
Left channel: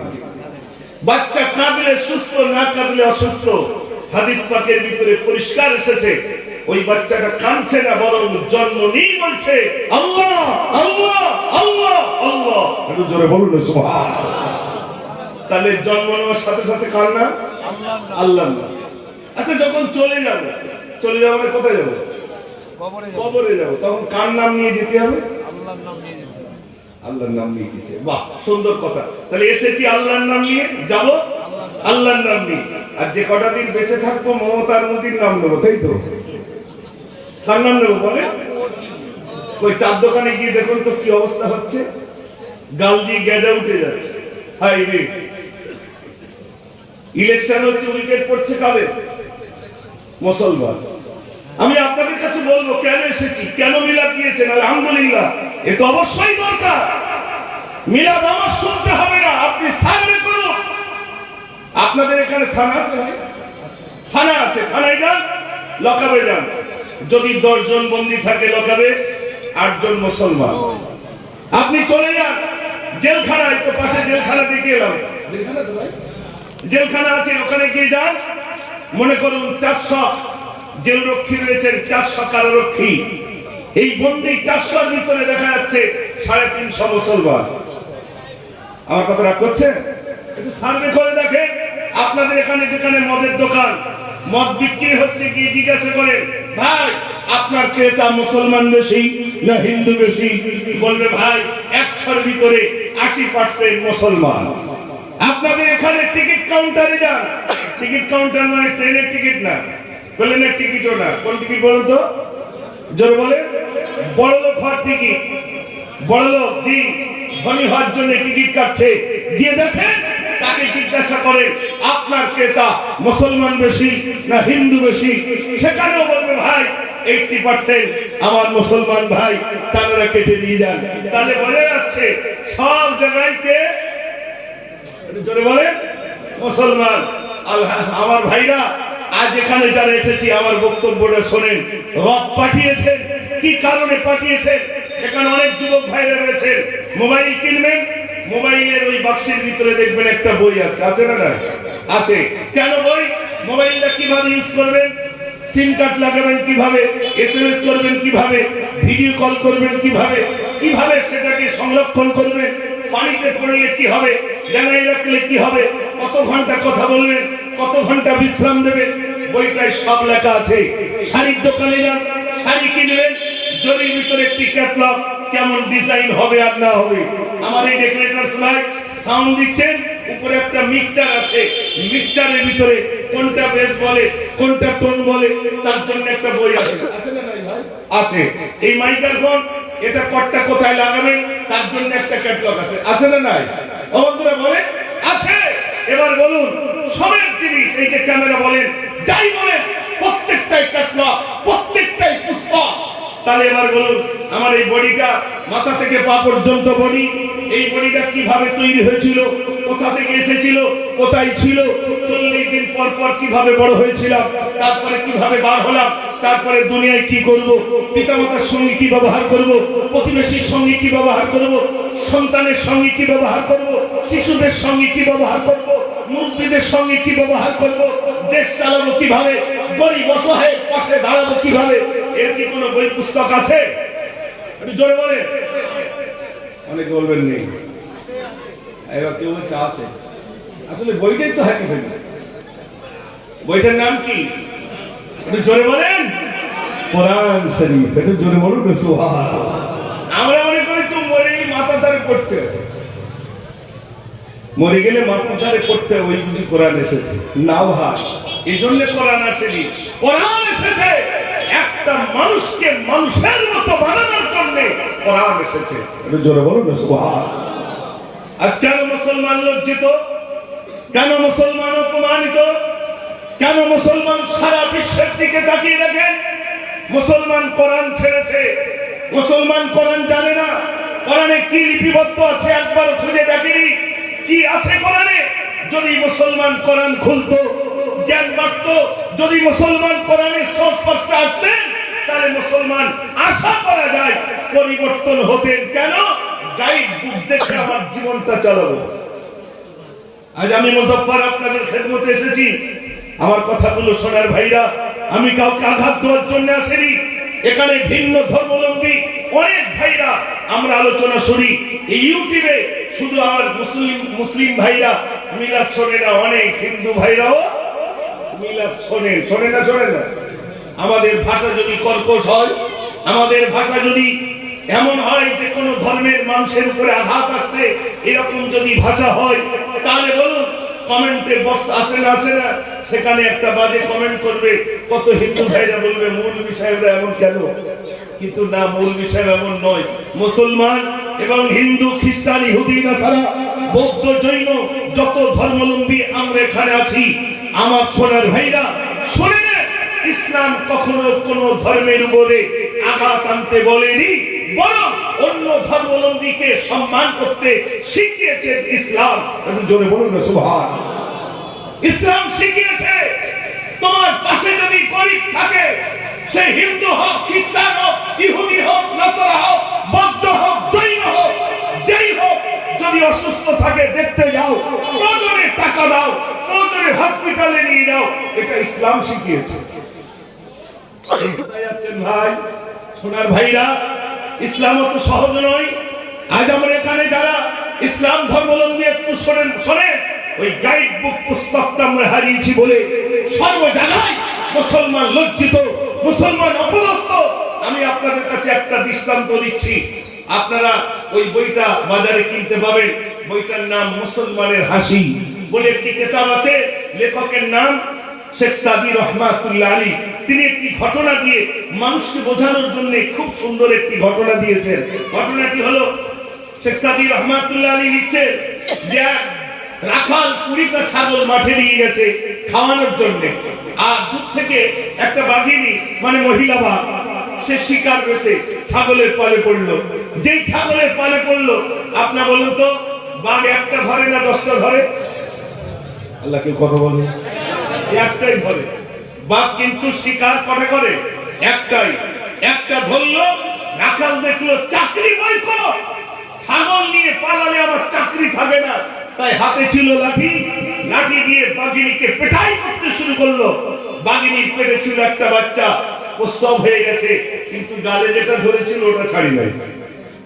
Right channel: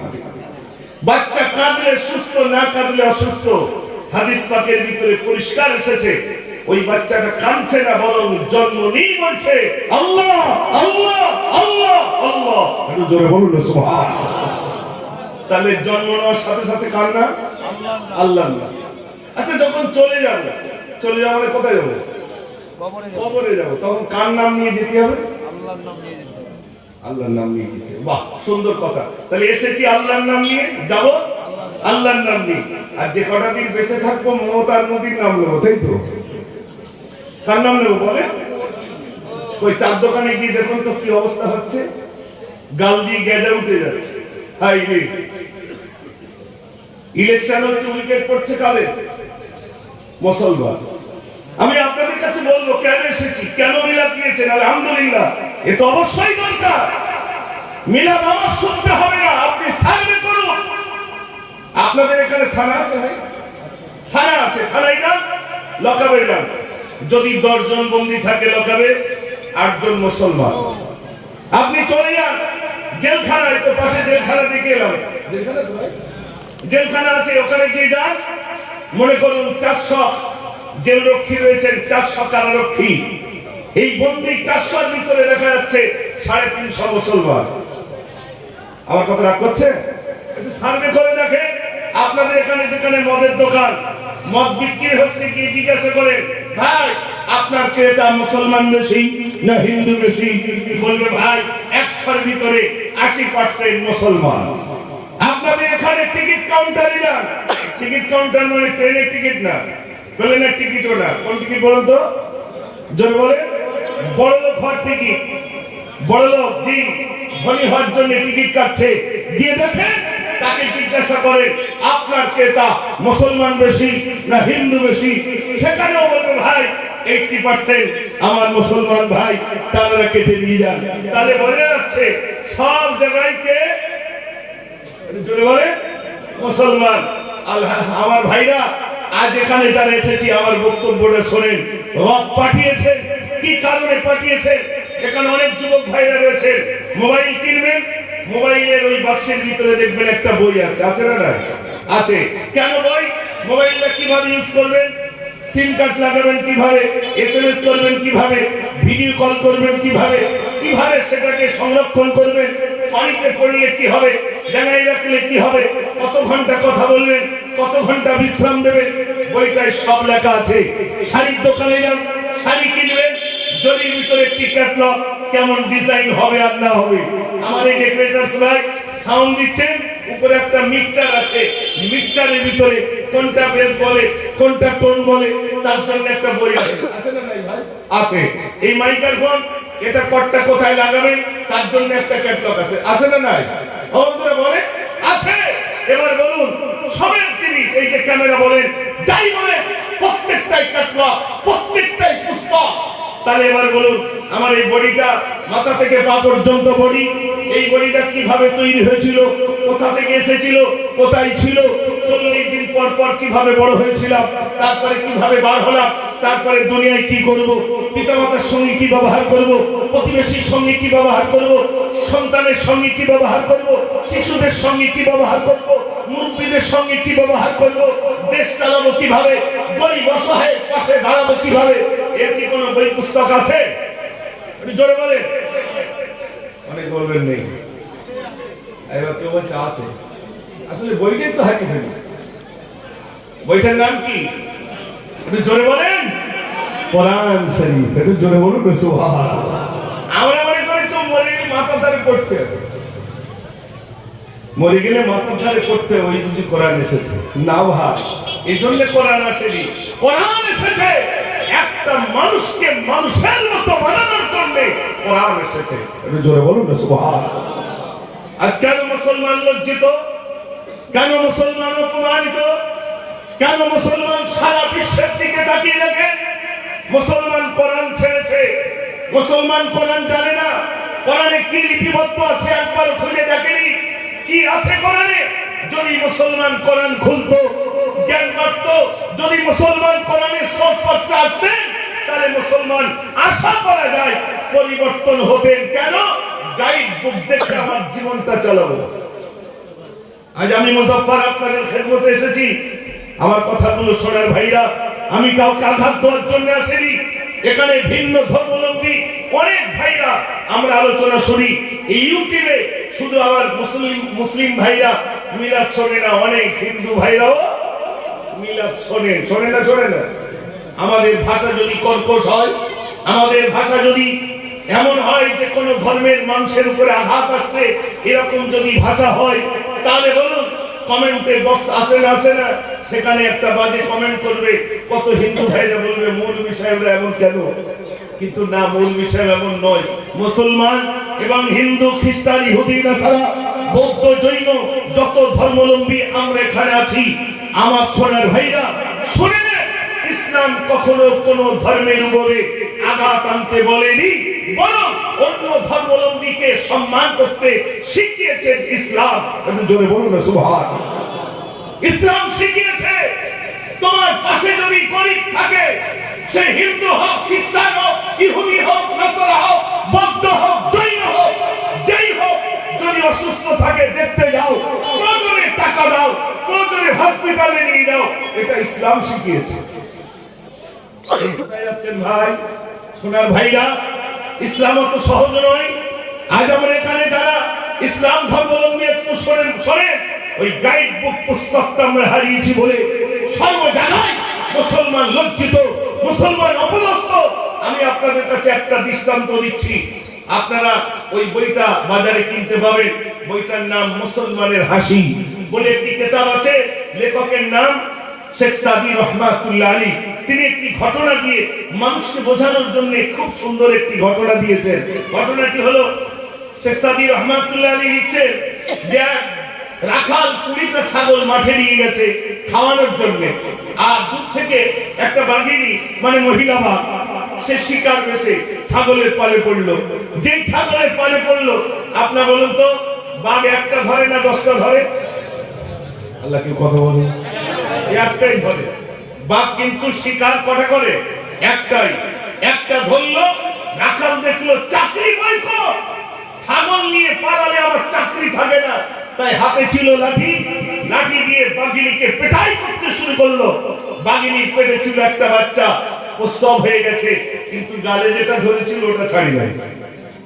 বাচ্চা কাঁদলে সুস্থ, না কাঁদলে অসুস্থ। হাদিস পাকের ভিতরে পরিষ্কার এসেছে, ওই বাচ্চাটা কাঁদছে না, বরং জন্ম নিয়ে বলছে আল্লাহ আল্লাহ আল্লাহ আল্লাহ। একটু জোরে বলুন না সুবহানাল্লাহ। তাহলে জন্ম নেওয়ার সাথে সাথে কার না? আল্লাহ। আচ্ছা যখন চলে যাবো, চলে যাবো মানে কোথায় যাবো? কবরে যাবো। তখন কার নাম নিয়ে যেতে হবে? আল্লাহর নাম নিয়ে যেতে হবে। আল্লাহর নাম নিয়ে যেতে হবে। বাহ, সুন্দর কথা। তাহলে এসেছি আল্লাহর নাম নিয়ে, যাবো আল্লাহর নাম নিয়ে। আর যে কটা দিন বেঁচে থাকবো মমতার মোদির নাম নেবো, তাই তো? কার নাম নেবো বলে? ওই চার দোকানে গিয়ে দেখুন তো কি অবস্থা হচ্ছে, গাল দিয়ে গেজা উঠে যাচ্ছে। হাই রে, ইলেকশন হচ্ছে, উইকেট পড়ছে কাদের? মুসলমান। আমি আপনাদের কাছে বলবো, কেন এসেছি, কেন মিলাদ নিয়েছেন? আলহামদুলিল্লাহ, এ তো অবশ্যই দরকার। মিলাদ আমার শুনতে হবে না, আপনি সার্ভে করুন। আপনাদের এখানে থানা আছে না? থানা আছে, থানায় যান, লকাবে যান। যদি 10 জন বন্দী থাকে লকাবে, 8 জন মুসলমান। আপনি চলে যান জেলখানায়, তো পাশে জেলখানা দিকে এলাম, জেলখানা আছে, ওখানে গিয়ে যান। মনে করুন 400 জেল রক্ষী রয়েছেন, 400 কারারক্ষী। এই বন্দী 400 এর ভিতরে দেখা যাচ্ছে 350 মুসলমান। আমার কথা রাগ করছে? একটু সার্ভে করে দেখে। আপনাদের এখানে যেখানে মদের দোকান, মদ বিক্রি হচ্ছে, গিয়ে জিজ্ঞাসা করেন, ভাই আপনার ক্রেতা মুসলমান বেশি না হিন্দু বেশি? বলবে ভাই 100 এর ভিতরে 80% মুসলমান। আপনাদের এখানে টিকিট কাউন্টারে যান, টিকিট কাউন্টার মানে ট্রেনের টিকিট না, বলে না টিকিটও না। কোন টিকিট বলো তো? জোরে বলে, বড় লোক হওয়ার টিকিট। বড় লোক জি ধনী হওয়ার জন্য টিকিট কাটছে, দিয়ে দেখে, তাকে জিজ্ঞাসা করে আপনার ক্রেতা মুসলমান বেশি না হিন্দু বেশি? সেখানেও বলবে ভাই 80% আমার মুসলমান ভাই, তারা কেটে নিয়ে যান। তাহলে বোঝা যাচ্ছে সব জায়গায় কে জোরে বলে মুসলমান। আমার ভাইরা, আজ এখানে যারা এসেছি আমার বক্তব্যটা শোনেন। রব পাঠিয়েছেন, কি কারণে পাঠিয়েছেন? এখানে অনেক যুবক ভাইরা রয়েছে, মোবাইল কিনবেন, মোবাইলের ওই বাক্সের ভিতরে দেখবেন একটা বই আছে, আছে না? আছে। কেন বই? মোবাইলটা কিভাবে ইউজ করবেন, সিম কার্ড লাগাবেন কিভাবে, এসএমএস করবেন কিভাবে, ভিডিও কল করবেন কিভাবে, কিভাবে সেটাকে সংরক্ষণ করবেন, পানিতে পড়লে কি হবে, জানাই রাখলে কি হবে, কত ঘন্টা কথা বলবেন, কত ঘন্টা বিশ্রাম দেবেন, বইটায় সব লেখা আছে। শাড়ির দোকানে যান, শাড়ি কিনবেন, জরির ভিতরে একটি ক্যাটালগ, কেমন ডিজাইন হবে আর না হবে। আমার এই ডেকোরেটরস ভাই সাউন্ড দিচ্ছেন, উপরে একটা মিক্সচার আছে, মিক্সচারের ভিতরে কোনটা বেস বলে, কোনটা টোন বলে, তার জন্য একটা বই আছে, আছে না ভাই? আছে। এই মাইক্রোফোন, এটা কটটা কোথায় লাগাবেন, তার জন্য একটা ক্যাটালগ আছে, আছে না নাই? বন্ধুরা বলে আছে। এবার বলুন, সবের জিনিস, এই যে ক্যামেরা বলেন, যাই বলেন, প্রত্যেকটাই ক্যাটালগ, প্রত্যেকটাই পুস্তক। তাহলে এবার বলুন, আমার এই বডিটা মাথা থেকে পা পর্যন্ত বডি, এই বডিটা কিভাবে তৈরি হয়েছিল, থেকে এসেছিল, কোথায় ছিল, 40 দিন পর পর কিভাবে বড় হয়েছিলাম, তারপরে কিভাবে বার হলাম, তারপরে দুনিয়ায় কি করব, পিতামাতার সঙ্গে কি ব্যবহার করব, প্রতিবেশীর সঙ্গে কি ব্যবহার করব, সন্তানের সঙ্গে কি ব্যবহার করব, শিশুদের সঙ্গে কি ব্যবহার করব, মুরব্বীদের সঙ্গে কি ব্যবহার করব, দেশ চালাবো কিভাবে, গরিব অসহায়ের পাশে দাঁড়াবো কিভাবে, এর কি কোনো বই পুস্তক আছে? একটু জোরে বলে। অনেক বলবেন নেই, এবার কেউ বলছে আছে। আসলে বইটাই তো হ্যাপি ফেমিস। বইটার নাম কি? একটু জোরে বলেন। কোরআন শরীফ। একটু জোরে বলুন সুবহানাল্লাহ। আমরা মনে করি তো মরে গেলে মাথার ধারে পড়তে হবে, মরে গেলে মাথার ধারে পড়তে হবে, ওই বুঝি কোরআন এসেছে না ভাই। এই জন্য কোরআন আসেনি, কোরআন এসেছে একটা মানুষকে মানুষের মতো বানানোর জন্য কোরআন এসেছে। একটু জোরে বলুন সুবহানাল্লাহ। আজকাল মুসলমান লজ্জিত, কেন মুসলমান অপমানিত, কেন মুসলমান সারা বিশ্বের দিকে তাকিয়ে দেখেন? মুসলমান কোরআন ছেড়েছে, মুসলমান কোরআন জানে না। কোরআনে কি লিপিবদ্ধ আছে একবার খুঁজে দেখেনি, কি আছে কোরআনে? যদি মুসলমান কোরআন খুলতো, জ্ঞান বাড়তো, যদি মুসলমান কোরআনের সংস্পর্শে আসতেন, তাহলে মুসলমান আশা করা যায় পরিবর্তন হতেন। কেন? গাইড বুক দেখে আমার জীবনটা চালাবো। আজ আমি মুজাফফর আপনাদের খেদমতে এসেছি। আমার কথাগুলো শোনার ভাইরা, আমি কাউকে আঘাত দেওয়ার জন্য আসেনি। এখানে ভিন্ন ধর্মাবলম্বী অনেক ভাইরা আমরা আলোচনা শুনি। এই ইউটিউবে শুধু আমার মুসলিম ভাইরা মিলাদ শোনে না, অনেক হিন্দু ভাইরাও মিলাদ শোনেন। শোনে না? শোনে না? আমাদের ভাষা যদি কর্কশ হয়, আমাদের ভাষা যদি এমন হয় যে কোনো ধর্মের মানুষের উপরে আঘাত আসছে, এরকম যদি ভাষা হয়, তাহলে বলুন কমেন্টের বক্স আছে না? আছে না? সেখানে একটা বাজে কমেন্ট করবে, কত হিন্দু ভাইরা বলবে মৌলভী সাহেবরা এমন কেন? কিন্তু না, মৌলভী সাহেব এমন নয়। মুসলমান এবং হিন্দু, খ্রিস্টান, ইহুদি, নাসারা, বৌদ্ধ, জৈন, যত ধর্মাবলম্বী আমরা এখানে আছি, আমার সোনার ভাইরা শুনে নেন, ইসলাম কখনো কোন ধর্মের উপরে আঘাত আনতে বলেনি, বরং অন্য ধর্মাবলম্বীকে সম্মান করতে শিখিয়েছে ইসলাম। জোরে বলুন না সুবহানাল্লাহ। ইসলাম শিখিয়েছে তোমার পাশে যদি গরিব থাকে, সে হিন্দু হোক, খ্রিস্টান হোক, ইহুদি হোক, নাসারা হোক, বৌদ্ধ হোক, জৈন হোক, যেই হোক, যদি অসুস্থ থাকে দেখতে যাও, প্রয়োজনে টাকা দাও, প্রয়োজনে হসপিটালে নিয়ে দাও। এটা ইসলাম শিখিয়েছে। ভাই সোনার ভাইরা, ইসলাম অত সহজ নয়। আজ আমরা এখানে যারা ইসলাম ধর্মাবলম্বী একটু শোনেন, ওই গাইড বুক পুস্তকটা আমরা হারিয়েছি বলে সর্ব জায়গায় মুসলমান লজ্জিত, মুসলমান অপদস্থ। আমি আপনাদের কাছে একটা দৃষ্টান্ত দিচ্ছি, আপনারা ওই বইটা বাজারে কিনতে পাবেন। বইটার নাম মুসলমানের হাসি বলে একটি কিতাব আছে, লেখকের নাম শেখ সাদি রহমাতুল্লাহ আলী। তিনি একটি ঘটনা দিয়ে মানুষকে বোঝানোর জন্য খুব সুন্দর একটি ঘটনা দিয়েছেন। ঘটনাটি হলো, শেখ সাদি রহমাতুল্লাহ আলী লিখছেন যে রাখাল 20টা ছাগল মাঠে নিয়ে গেছে খাওয়ানোর জন্য, আর দূর থেকে একটা বাঘিনী মানে মহিলা বাঘ, সে শিকার করেছে, ছাগলের পালে পড়লো। যেই ছাগলের পালে পড়লো, আপনার বলুন তো বাঘ একটা ধরে না 10টা ধরে? আল্লাহ কেউ কথা বলে, একটাই ধরে। বাঘ কিন্তু শিকার কটা করে? একটাই। একটা ধরলো, রাখাল দেখলো চাকরি বয়কট, ছাগল নিয়ে পালালে আমার চাকরি থাকে না, তাই হাতে ছিল লাঠি, লাঠি দিয়ে বাঘিনীকে পেটাই করতে শুরু করলো। বাঘিনীর পেটে ছিল একটা বাচ্চা, প্রসব হয়ে গেছে, কিন্তু গালে যেটা ধরেছিল ওটা ছাড়ি নাই।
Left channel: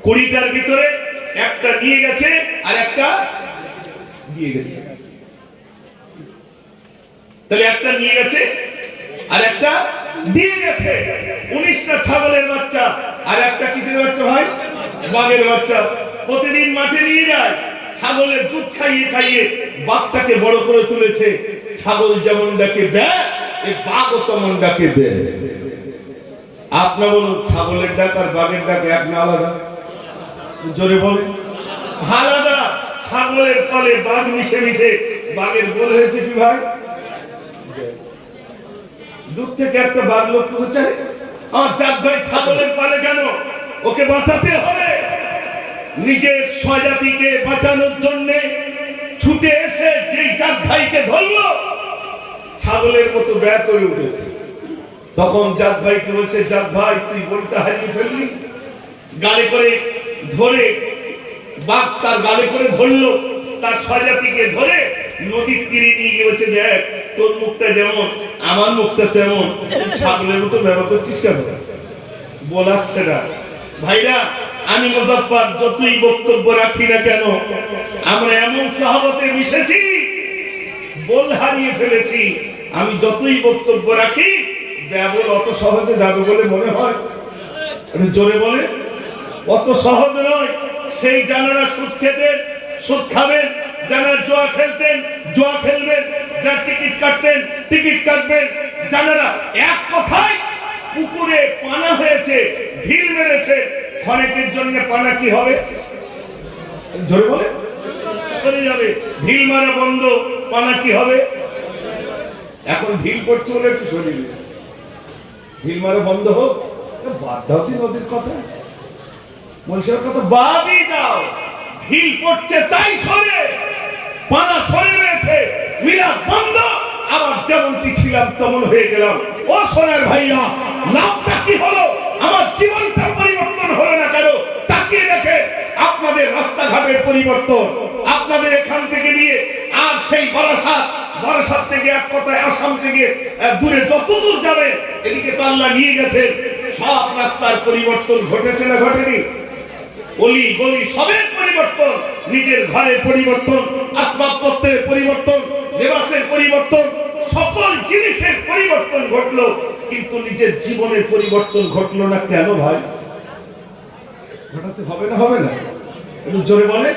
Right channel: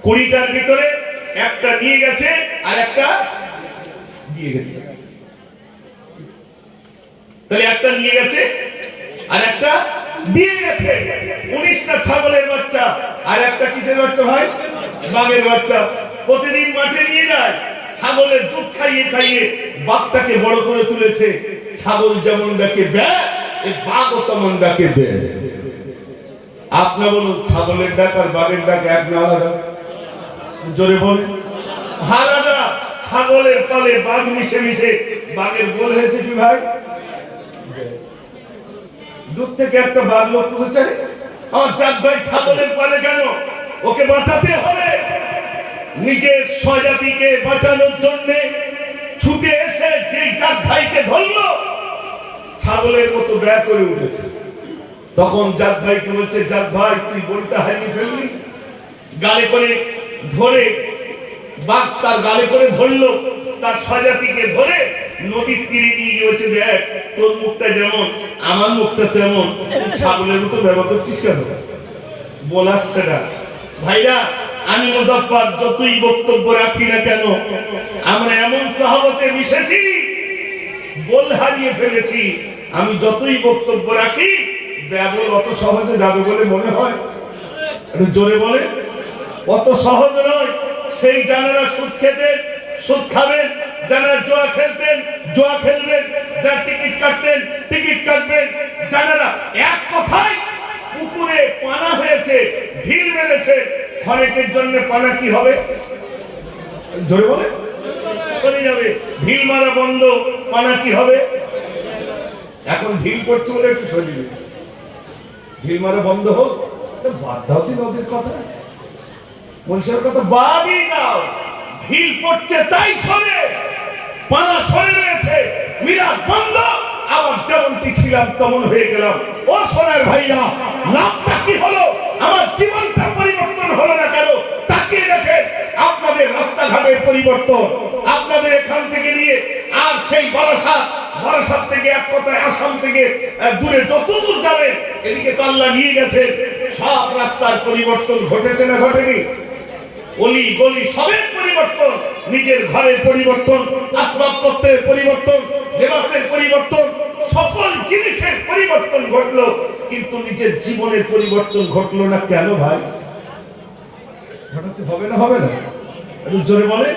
20টার ভিতরে একটা নিয়ে গেছে আর একটা দিয়ে গেছে। তাহলে একটা নিয়ে গেছে আর একটা দিয়ে গেছে। 19টা ছাগলের বাচ্চা আর একটা কিসের বাচ্চা ভাই? বাঘের বাচ্চা। প্রতিদিন মাঠে নিয়ে যায়, ছাগলের দুধ খাইয়ে খাইয়ে বাঘটাকে বড় করে তুলেছে। ছাগল যেমন ডাকে বে, এই বাঘও তেমন ডাকে বে। আপনি বলুন, ছাগলের ডাক আর বাঘের ডাক এক না আলাদা? জোরে বলেন। আলাদা। ছাগলের পালে বাঘ মিশে মিশে বাঘের গোল হয়েছে কি ভাই? দূর থেকে একটা বাঘ লক্ষ্য করছে, আমার চাঁদ ভাই ছাগলের পালে কেন? ওকে বাঁচাতে হবে। নিজের স্বজাতিকে বাঁচানোর জন্য ছুটে ছুটে এসে যে জাত ভাইকে ধরলো ছাগলের মতো ব্যয় করে উঠেছে। তখন জাত ভাইকে বলছে, জাত ভাই তুই বোনটা হারিয়ে ফেললি। গালে করে ধরে বাঘ তার গালে করে ধরলো, তার স্বজাতিকে ধরে নদীর তীরে নিয়ে গিয়েছে, দেখ তোর মুখটা যেমন আমার মুখটা তেমন, ছাগলের মতো ব্যবহার করছিস কেন? বলার সেটা ভাইরা, আমি মুজাফফর যতই বক্তব্য রাখি না কেন, আমরা এমন সাহাবতে মিশেছি, বল হারিয়ে ফেলেছি। আমি যতই বক্তব্য রাখি, ব্যবহার অত সহজে যাবে বলে মনে হয়? জোরে বলে, অত সহজ নয়। সেই জানারা সুদ খেতেন, সুদ খাবেন, যারা জুয়া খেলতেন, জুয়া খেলবেন, যারা টিকিট কাটতেন, টিকিট কাটবেন। যারা এক কথায় পুকুরে পানা হয়েছে, ঢিল মেরেছে, অনেকের জন্য পানা কি হবে? জোরে বলে, সরে যাবে। ঢিল মারা বন্ধ, পানা কি হবে? এখন ঢিল পড়ছে বলে একটু সরিয়ে দিয়েছে, ঢিল মারা বন্ধ হোক। বাদ দাও নদীর কথা, মনুষ্যের কথা বাদই দাও। ঢিল পড়ছে তাই সরে, পানা সরে রয়েছে, মীরা বন্ধ। আমার যেমনটি ছিলাম তেমন হয়ে গেলাম। ও সোনার ভাইরা, লাভটা কি হলো? আমার জীবনটা পরিবর্তন হলো না কেন? তাকিয়ে দেখেন আপনাদের রাস্তাঘাটের পরিবর্তন, আপনাদের এখান থেকে নিয়ে আর সেই বারাসাত থেকে এক কথায় আসাম থেকে দূরে যত দূর যাবে, এদিকে তো আল্লাহ নিয়ে গেছে। সব রাস্তার পরিবর্তন ঘটেছে না ঘটেনি? অলি গলি সবের পরিবর্তন, নিজের ঘরের পরিবর্তন, আসবাবপত্রের পরিবর্তন, লেবাসের পরিবর্তন, সকল জিনিসের পরিবর্তন ঘটলো, কিন্তু নিজের জীবনের পরিবর্তন ঘটলো না কেন ভাই? ঘটাতে হবে না, হবে না? একটু জোরে বলে।